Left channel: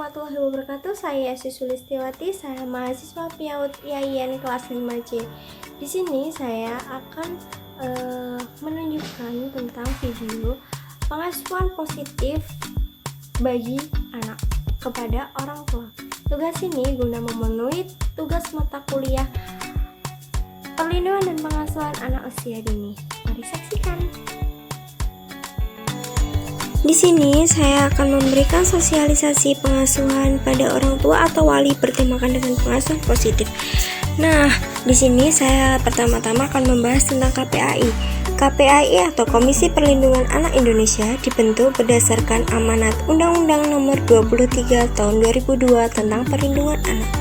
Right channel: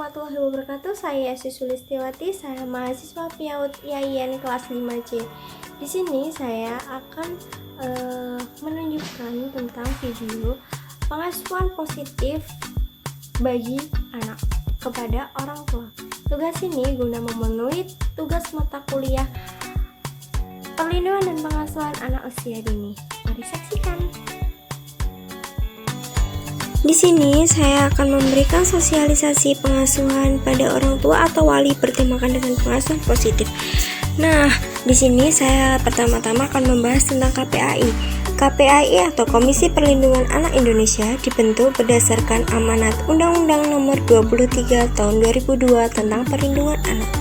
warahmatullahi wabarakatuh. Saya Yesi Sulistiawati, saya mahasiswa PIAUD IAIN kelas 5C. Di sini saya akan menunjukkan tentang video pengasuhan positif bagi anak kepada orang tua. Tugas ini guna memenuhi tugas mata kuliah perlindungan dan pengasuhan anak usia dini. Mari saksikan. Di sini saya akan memberikan sosialisasi pengasuhan pada orang tua atau wali bertemakan dengan pengasuhan positif. Nah, di sini saya pertama-tama akan membahas tentang KPAI. KPAI atau Komisi Perlindungan Anak Indonesia dibentuk berdasarkan amanat Undang-Undang Nomor 23 Tahun 2002 tentang Perlindungan Anak.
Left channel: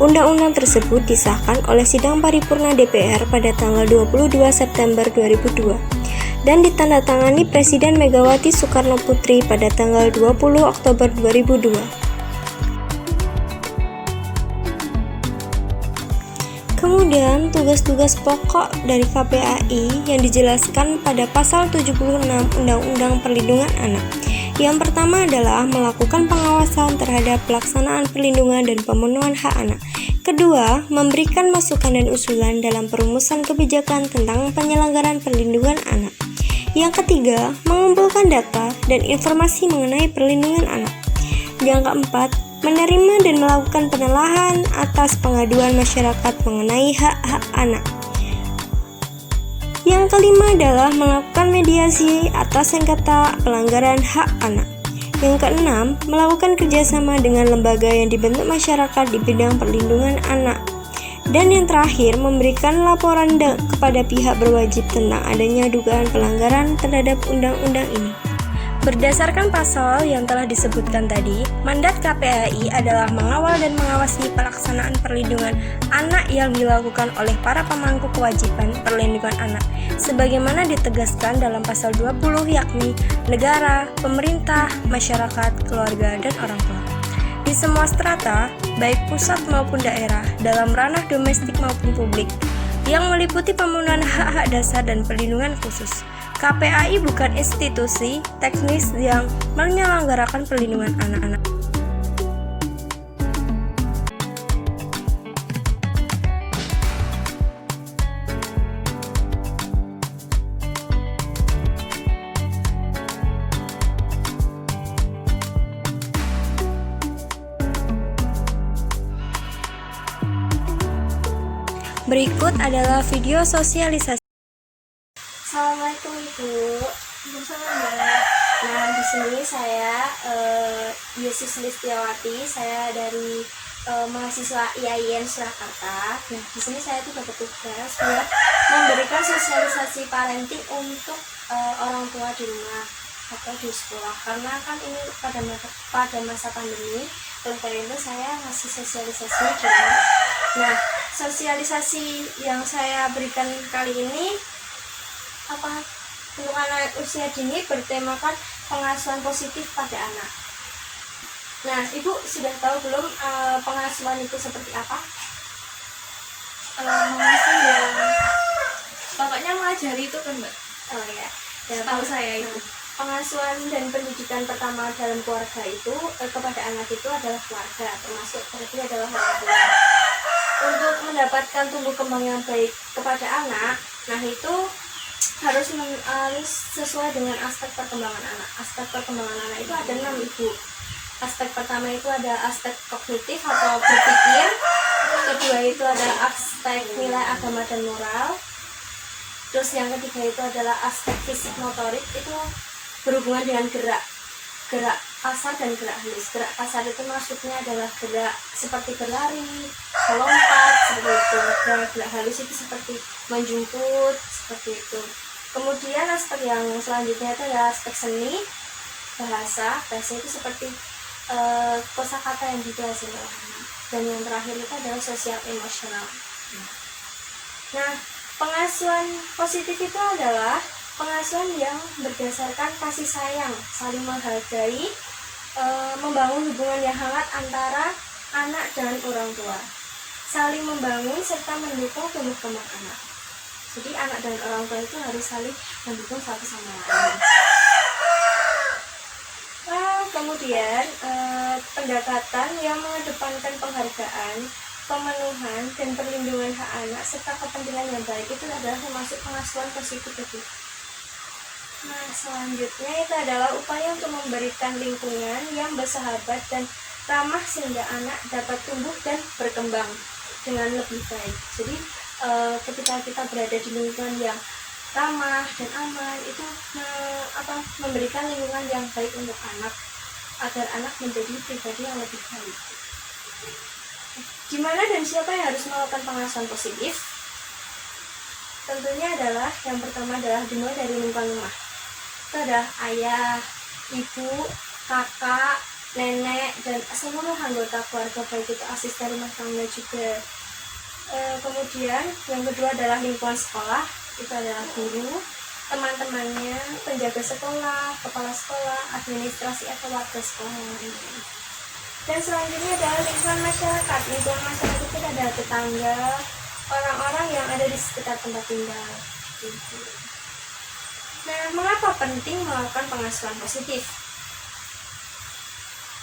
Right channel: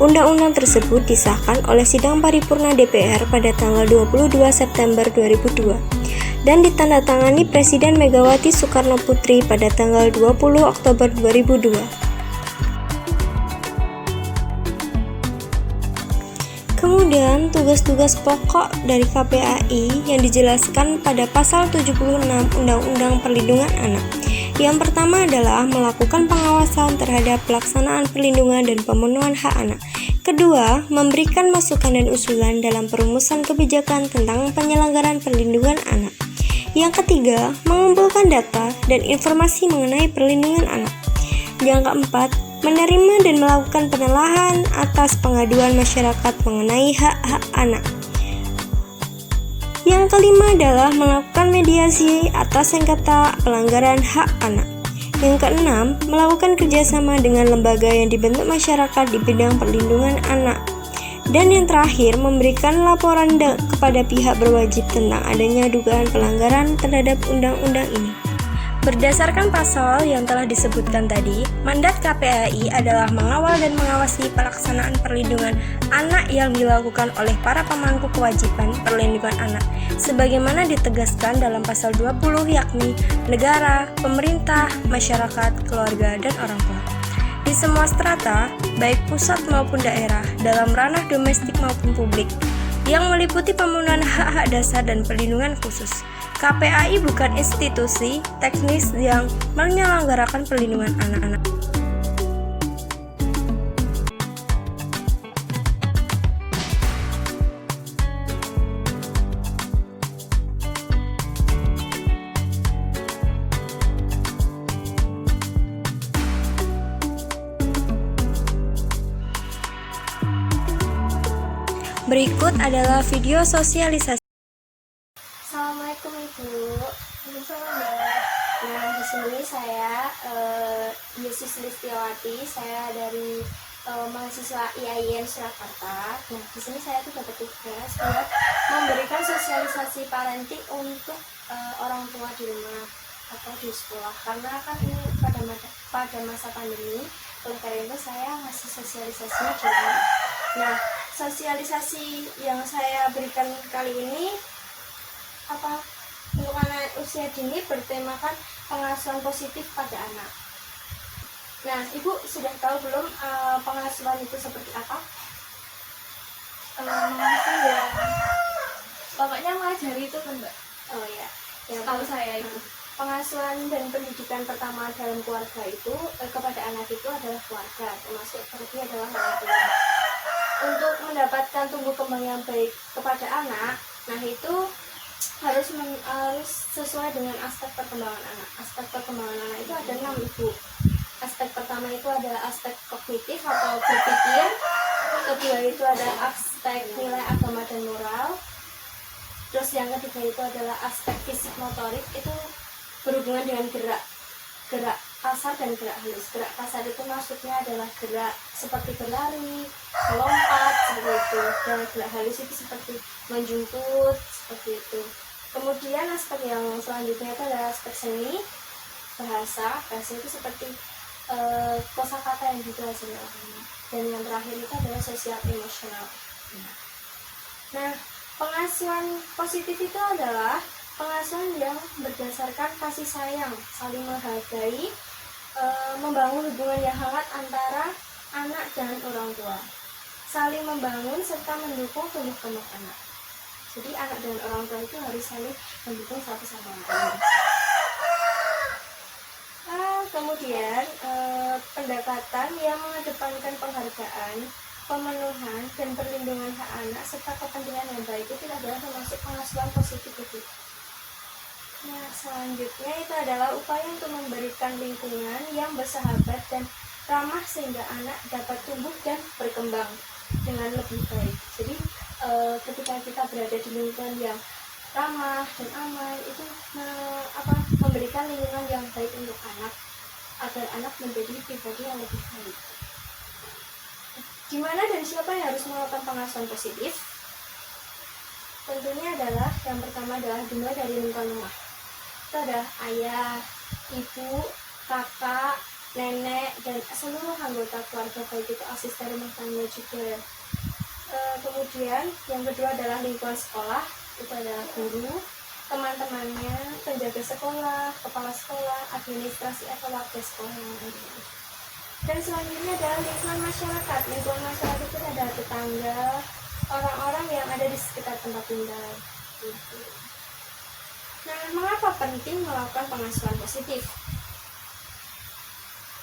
Undang-undang tersebut disahkan oleh Sidang Paripurna DPR pada tanggal 22 September 2002 dan ditandatangani Presiden Megawati Soekarno Putri pada tanggal 20 Oktober 2002. Kemudian, tugas-tugas pokok dari KPAI yang dijelaskan pada pasal 76 Undang-Undang Perlindungan Anak. Yang pertama adalah melakukan pengawasan terhadap pelaksanaan perlindungan dan pemenuhan hak anak. Kedua, memberikan masukan dan usulan dalam perumusan kebijakan tentang penyelenggaraan perlindungan anak. Yang ketiga, mengumpulkan data dan informasi mengenai perlindungan anak. Yang keempat, menerima dan melakukan penelahan atas pengaduan masyarakat mengenai hak-hak anak. Yang kelima adalah melakukan mediasi atas sengketa pelanggaran hak anak. Yang keenam, melakukan kerjasama dengan lembaga yang dibentuk masyarakat di bidang perlindungan anak. Dan yang terakhir, memberikan laporan kepada pihak berwajib tentang adanya dugaan pelanggaran terhadap undang-undang ini. Berdasarkan pasal yang telah disebutkan tadi, mandat KPAI adalah mengawal dan mengawasi pelaksanaan perlindungan anak yang dilakukan oleh para pemangku kewajiban perlindungan anak, sebagaimana ditegaskan dalam pasal 20 yakni negara, pemerintah, masyarakat, keluarga, dan orang tua. Di semua strata, baik pusat maupun daerah, dalam ranah domestik maupun publik, yang meliputi pemenuhan hak-hak dasar dan perlindungan khusus. KPAI bukan institusi teknis yang menyelenggarakan perlindungan anak-anak. Berikut adalah video sosialisasi. Assalamualaikum Ibu. Waalaikumsalam Mbak. Nah, di sini saya Yesi Sulistiawati, saya dari mahasiswa IAIN Surakarta. Nah, di sini saya tuh dapat tugas buat memberikan sosialisasi parenting untuk orang tua di rumah atau di sekolah, karena kan ini pada masa pandemi, oleh karena itu saya ngasih sosialisasi di rumah. Nah, sosialisasi yang saya berikan kali ini untuk anak usia dini bertemakan pengasuhan positif pada anak. Nah, Ibu sudah tahu belum pengasuhan itu seperti apa? Mengasuh ya, pokoknya mengajari itu kan Mbak. Oh ya, Tahu saya itu. Pengasuhan dan pendidikan pertama dalam keluarga itu kepada anak itu adalah keluarga, termasuk berarti adalah orang tua. Untuk mendapatkan tumbuh kembang yang baik kepada anak, nah itu harus sesuai dengan aspek perkembangan anak. Aspek perkembangan anak itu ada 6 Ibu. Aspek pertama itu ada aspek kognitif atau berpikir. Kedua itu ada aspek nilai agama dan moral. Terus yang ketiga itu adalah aspek fisik motorik, itu berhubungan dengan gerak kasar dan gerak halus. Gerak kasar itu maksudnya adalah gerak seperti berlari, melompat, seperti itu. Dan gerak halus itu seperti menjemput, seperti itu. Kemudian aspek yang selanjutnya itu adalah aspek seni, bahasa itu seperti kosakata yang dipelajari oleh anak. Dan yang terakhir itu adalah sosial emosional. Nah, pengasuhan positif itu adalah pengasuhan yang berdasarkan kasih sayang, saling menghargai, membangun hubungan yang hangat antara anak dan orang tua, saling membangun serta mendukung tumbuh kembang anak. Jadi anak dan orang tua itu harus saling mendukung satu sama lain. Kemudian pendekatan yang mengedepankan penghargaan, pemenuhan, dan perlindungan hak anak serta kepentingan yang baik itu adalah termasuk pengasuhan positif itu. Nah, selanjutnya itu adalah upaya untuk memberikan lingkungan yang bersahabat dan ramah sehingga anak dapat tumbuh dan berkembang dengan lebih baik. Jadi ketika kita berada di lingkungan yang ramah dan aman itu memberikan lingkungan yang baik untuk anak agar anak menjadi pribadi yang lebih baik. Gimana dan siapa yang harus melakukan pengasuhan positif? Tentunya adalah yang pertama adalah dimulai dari lingkungan rumah. Itu adalah ayah, ibu, kakak, nenek, dan seluruh anggota keluarga, baik itu asisten rumah tangga juga. Kemudian yang kedua adalah lingkungan sekolah. Itu adalah guru, teman-temannya, penjaga sekolah, kepala sekolah, administrasi atau warga sekolah yang lainnya. Dan selanjutnya adalah lingkungan masyarakat. Lingkungan masyarakat itu adalah tetangga, orang-orang yang ada di sekitar tempat tinggal. Nah, mengapa penting melakukan pengasuhan positif?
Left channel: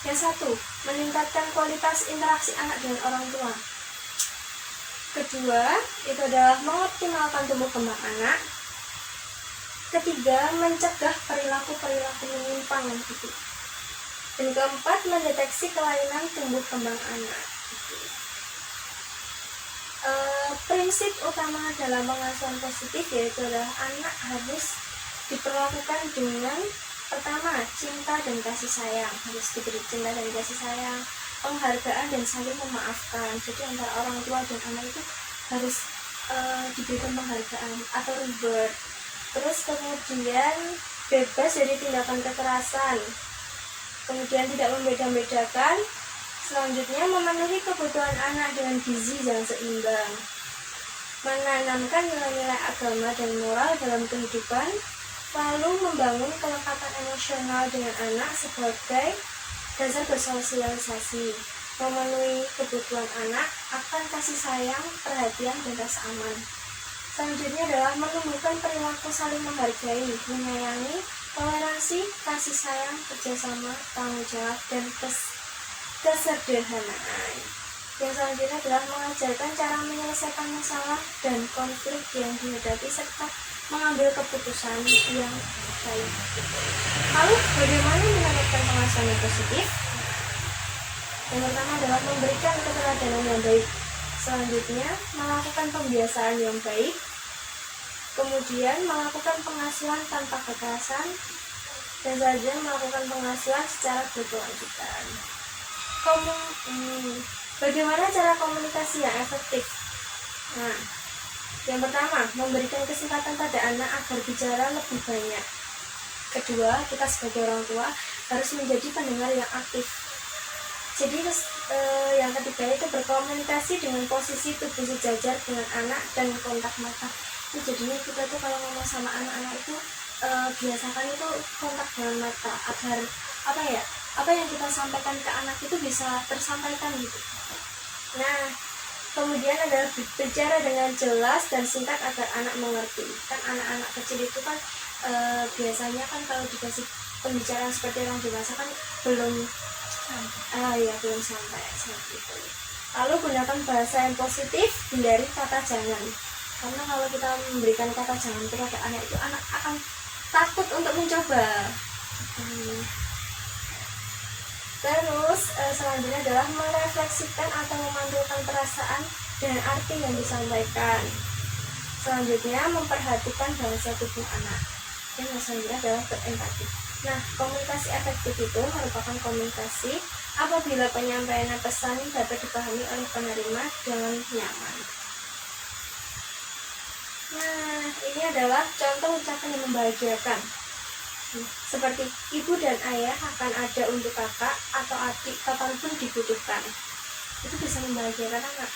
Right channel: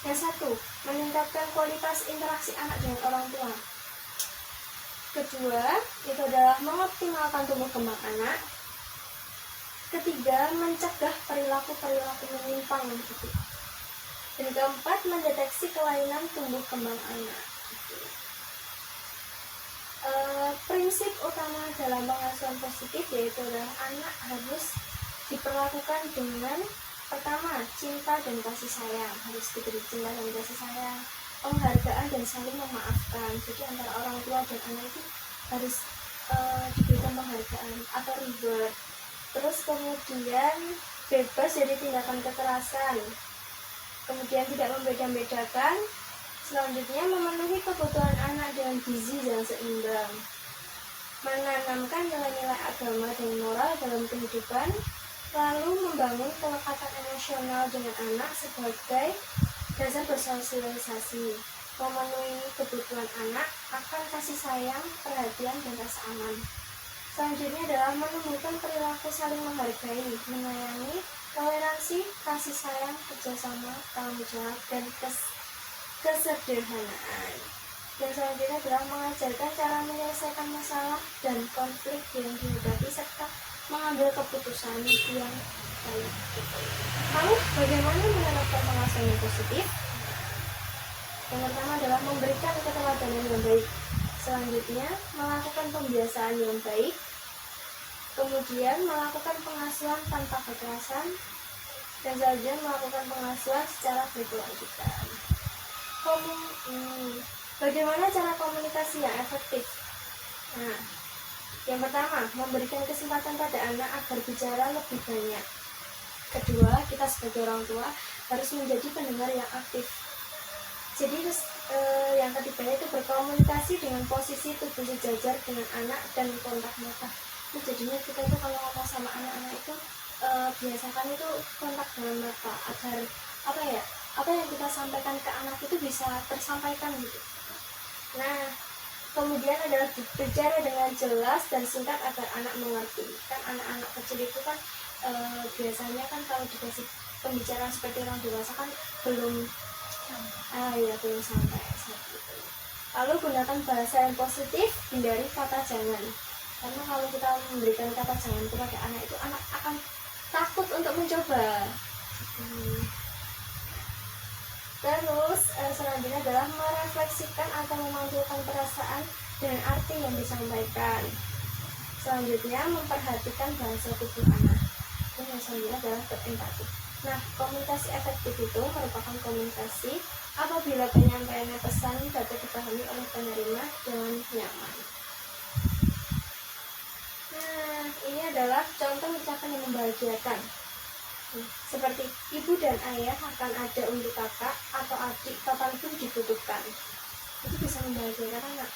Yang satu, meningkatkan kualitas interaksi anak dengan orang tua. Kedua, itu adalah mengoptimalkan tumbuh kembang anak. Ketiga, mencegah perilaku-perilaku menyimpang. Dan keempat, mendeteksi kelainan tumbuh kembang anak. Prinsip utama dalam pengasuhan positif yaitu adalah anak harus diperlakukan dengan pertama, cinta dan kasih sayang. Harus diberi cinta dan kasih sayang, penghargaan dan saling memaafkan. Jadi antara orang tua dan anak itu harus diberikan penghargaan atau reward. Terus kemudian bebas dari tindakan kekerasan. Kemudian tidak membeda-bedakan. Selanjutnya memenuhi kebutuhan anak dengan gizi yang seimbang. Menanamkan nilai-nilai agama dan moral dalam kehidupan. Lalu membangun kelekatan emosional dengan anak sebagai dasar bersosialisasi. Memenuhi kebutuhan anak akan kasih sayang, perhatian, dan rasa aman. Selanjutnya adalah menumbuhkan perilaku saling menghargai, menyayangi, toleransi, kasih sayang, kerjasama, tanggung jawab, dan kesederhanaan. Yang selanjutnya adalah mengajarkan cara menyelesaikan masalah dan konflik yang dihadapi serta mengambil keputusan yang baik. Lalu bagaimana menerapkan pengasuhan yang positif? Yang pertama adalah memberikan keteladanan yang baik. Selanjutnya melakukan pembiasaan yang baik. Kemudian melakukan pengasuhan tanpa kekerasan. Dan selanjutnya melakukan pengasuhan secara berkelanjutan. Bagaimana cara komunikasi yang efektif? Nah, yang pertama, memberikan kesempatan pada anak agar bicara lebih banyak. Kedua, kita sebagai orang tua harus menjadi pendengar yang aktif. Jadi yang ketiga itu berkomunikasi dengan posisi tubuh sejajar dengan anak dan kontak mata. Itu jadinya kita tuh kalau ngomong sama anak-anak itu biasakan itu kontak dengan mata agar apa yang kita sampaikan ke anak itu bisa tersampaikan gitu. Nah, kemudian adalah bicara dengan jelas dan singkat agar anak mengerti. Kan anak-anak kecil itu kan biasanya kan kalau dikasih pembicaraan seperti orang dewasa kan belum sampai seperti itu. Lalu gunakan bahasa yang positif, hindari kata jangan. Karena kalau kita memberikan kata jangan kepada anak itu, anak akan takut untuk mencoba. Terus selanjutnya adalah merefleksikan atau memantulkan perasaan dan arti yang disampaikan. Selanjutnya memperhatikan bahasa tubuh anak. Dan selanjutnya adalah berempati. Nah, komunikasi efektif itu merupakan komunikasi apabila penyampaian pesan dapat dipahami oleh penerima dengan nyaman. Nah, ini adalah contoh ucapan yang membahagiakan. Seperti ibu dan ayah akan ada untuk kakak atau adik kapanpun dibutuhkan. Itu bisa membahagiakan anak.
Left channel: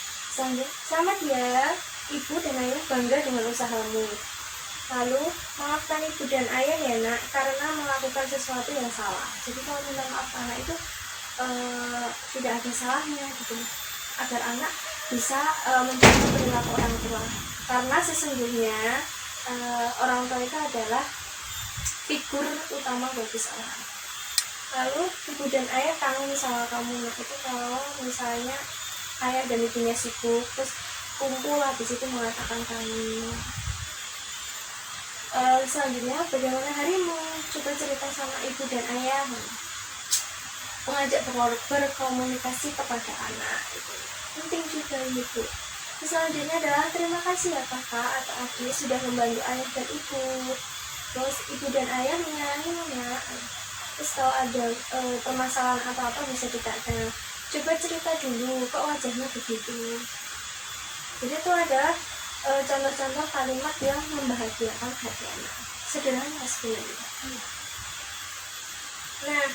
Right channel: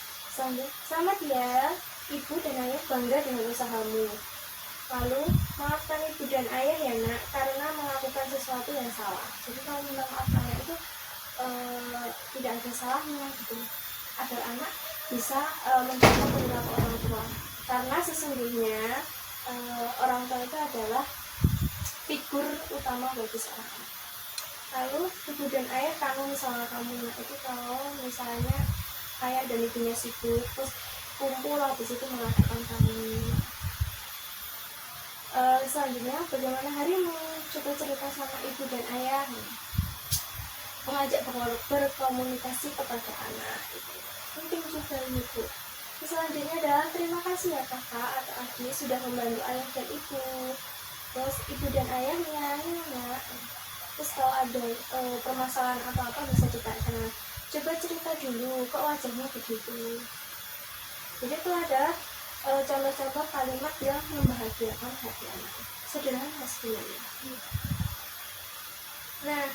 Selamat ya, ibu dan ayah bangga dengan usahamu. Lalu maafkan ibu dan ayah ya nak, karena melakukan sesuatu yang salah. Jadi kalau minta maaf anak itu tidak ada salahnya gitu, agar anak bisa mencontoh perilaku orang tua. Karena sesungguhnya orang tua itu adalah figur utama bagi seorang anak. Lalu ibu dan ayah kangen sama kamu. Nah itu kalau misalnya ayah dan ibunya sibuk terus kumpul habis itu mengatakan kamu. Selanjutnya bagaimana harimu, coba cerita sama ibu dan ayah. Mengajak berkomunikasi kepada anak itu penting juga itu. Selanjutnya adalah terima kasih ya kakak atau adik sudah membantu ayah dan ibu. Terus ibu dan ayah menyayanginya. Terus kalau ada permasalahan apa-apa bisa ditanya, coba cerita dulu kok wajahnya begitu. Jadi itu ada contoh-contoh kalimat yang membahagiakan hati anak, sederhana sebenarnya. Nah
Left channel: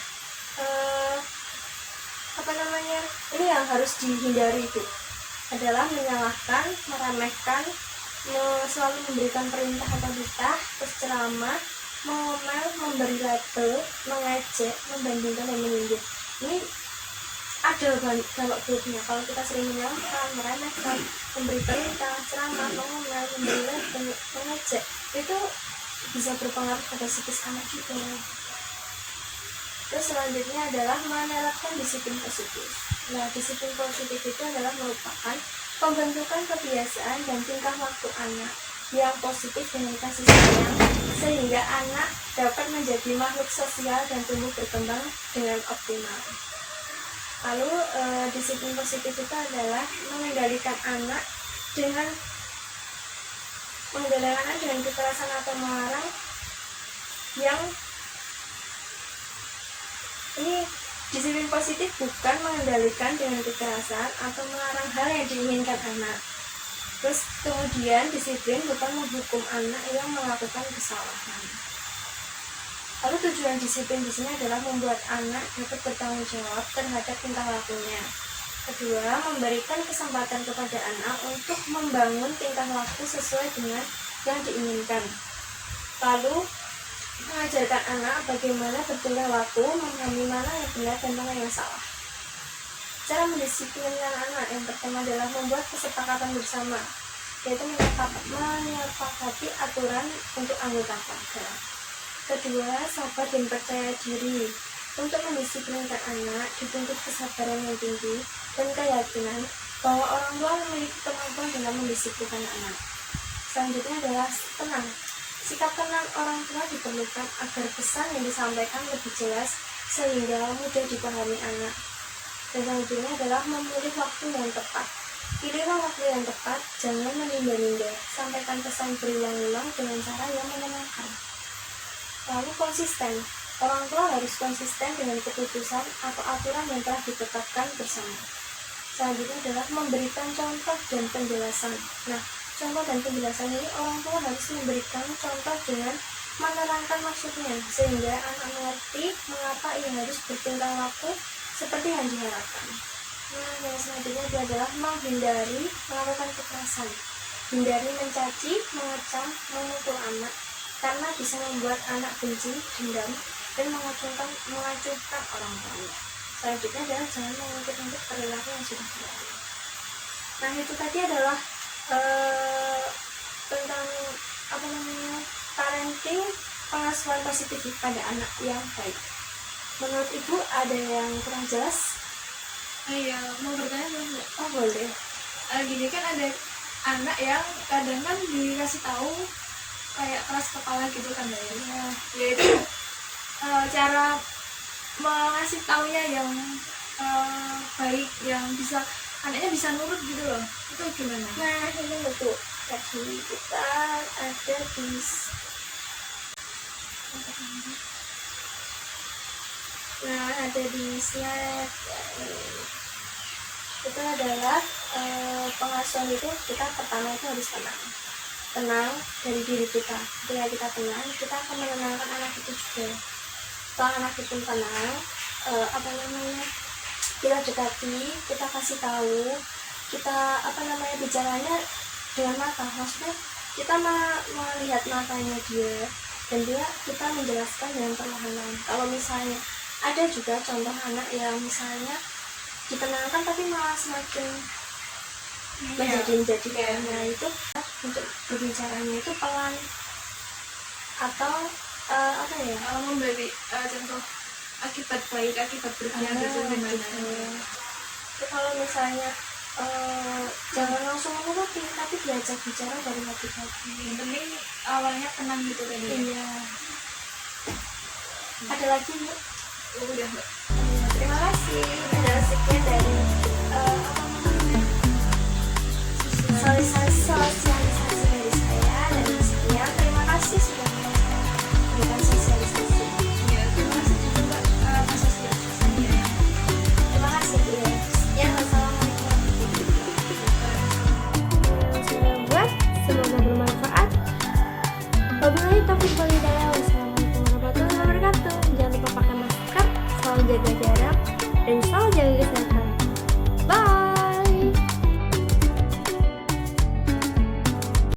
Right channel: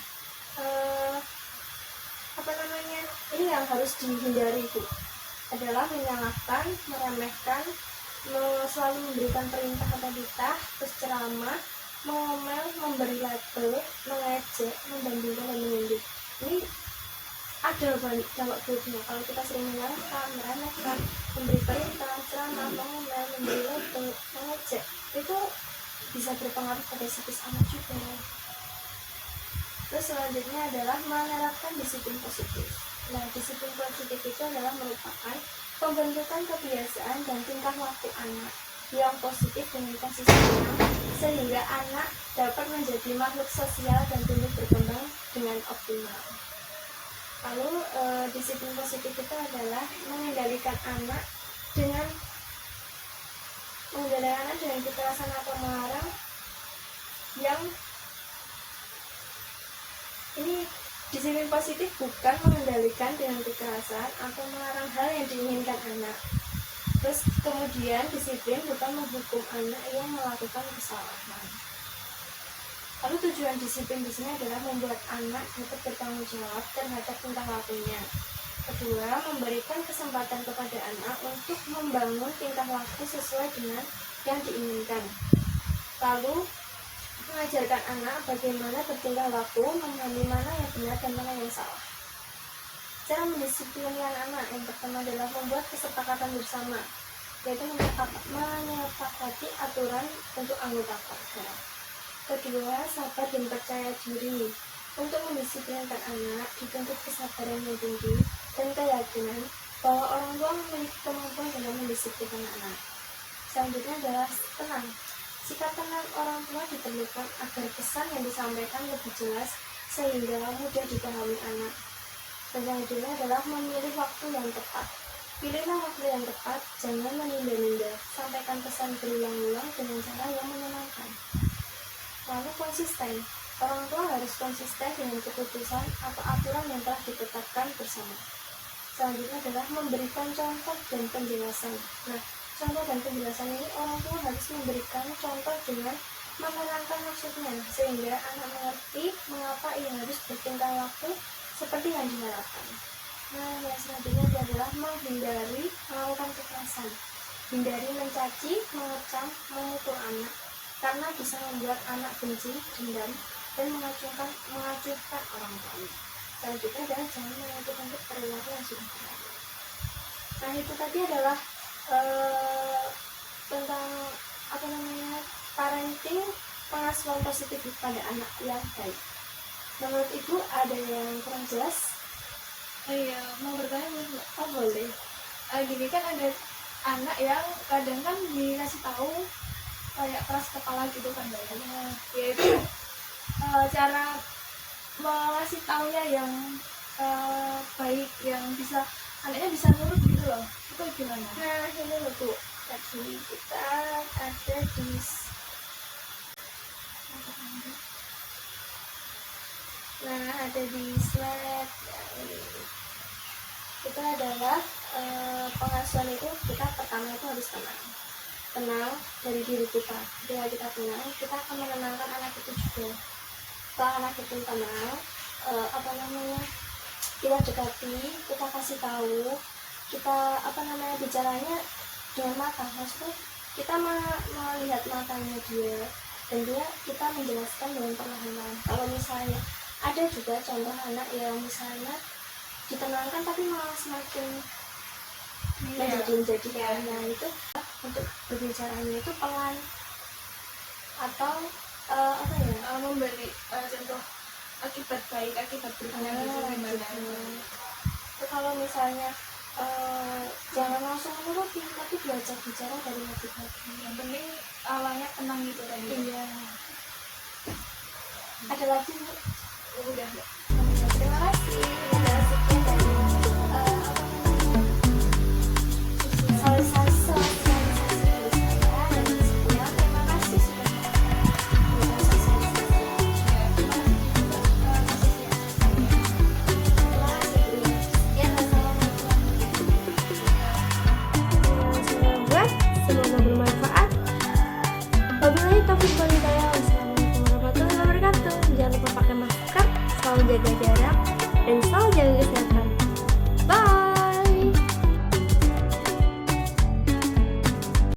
apa namanya, ini yang harus dihindari itu adalah menyalahkan, meremehkan, selalu memberikan perintah atau titah, terus ceramah, mengomel, memberi label, mengejek, membandingkan dan menyindir. Ini ada banyak grupnya. Kalau kita sering menyalahkan, meremehkan, memberi perintah, ceramah, mengomel, memberi label, mengejek, itu bisa berpengaruh pada psikis anak juga. Terus selanjutnya adalah menerapkan disiplin positif. Nah, disiplin positif itu adalah merupakan pembentukan kebiasaan dan tingkah laku anak yang positif dengan kasih sayang, sehingga anak dapat menjadi makhluk sosial dan tumbuh berkembang dengan optimal. Lalu disiplin positif itu adalah mengendalikan anak dengan kekerasan atau melarang yang ini. Disiplin positif bukan mengendalikan dengan kekerasan atau melarang hal yang diinginkan anak. Terus kemudian disiplin bukan menghukum anak yang melakukan kesalahan. Lalu tujuan disiplin di sini adalah membuat anak dapat bertanggung jawab terhadap tingkah lakunya. Kedua, memberikan kesempatan kepada anak untuk membangun tingkah laku sesuai dengan yang diinginkan. Lalu mengajarkan anak bagaimana bertingkah laku, memahami mana yang benar dan mana yang salah. Cara mendisiplinkan anak yang pertama adalah membuat kesepakatan bersama, yaitu menyepakati aturan untuk anggota keluarga. Kedua, sabar dan percaya diri. Untuk mendisiplinkan anak dituntut kesabaran yang tinggi dan keyakinan bahwa orang tua memiliki kemampuan dalam mendisiplinkan anak. Selanjutnya adalah tenang. Sikap tenang orang tua diperlukan agar pesan yang disampaikan lebih jelas sehingga mudah dipahami anak. Dan selanjutnya adalah memilih waktu yang tepat. Pilihlah waktu yang tepat, jangan menunda-nunda. Sampaikan pesan berulang-ulang dengan cara yang menyenangkan. Lalu konsisten. Orang tua harus konsisten dengan keputusan atau aturan yang telah ditetapkan bersama. Selanjutnya adalah memberikan contoh dan penjelasan. Nah, contoh dan penjelasan ini orang tua harus memberikan contoh dengan menerangkan maksudnya sehingga anak mengerti mengapa ia harus bertingkah laku seperti yang diharapkan. Nah, yang selanjutnya adalah menghindari melakukan kekerasan. Hindari mencaci, mengecam, memukul anak karena bisa membuat anak benci, dendam, dan mengacungkan orang tua. Selanjutnya adalah jangan mengungkit-ungkit perilaku yang sudah berlalu. Nah, itu tadi adalah tentang parenting, pengasuhan positif pada anak yang baik. Menurut ibu ada yang kurang jelas? Iya, mau bertanya belum? Oh boleh. Gini kan ada anak yang kadang kan dikasih tahu kayak keras kepala gitu kan ya. Nah, Yaitu cara mengasih taunya yang baik, yang bisa anaknya bisa nurut gitu loh. Itu gimana? nah ini loh Bu, tadi kita ada di slide ya, itu adalah pengasuhan itu kita pertama itu harus tenang dari diri kita. Ketika kita tenang, kita akan menenangkan anak itu juga. Kalau anak itu tenang, kita dekati, kita kasih tahu, kita bicaranya dengan mata, maksudnya kita melihat matanya dia dan kita menjelaskan dengan perlahan. Kalau misalnya ada juga contoh anak yang misalnya ditenangkan tapi malah semakin menjadi nah itu untuk berbicaranya itu pelan atau memberi contoh akibat baik akibat buruknya gitu gimana. Kalau misalnya jangan langsung menuruti, tapi diajak bicara dari hati-hati. Yang penting awalnya tenang gitu kan ya. Iya. Ada lagi Bu? Udah. Terima kasih.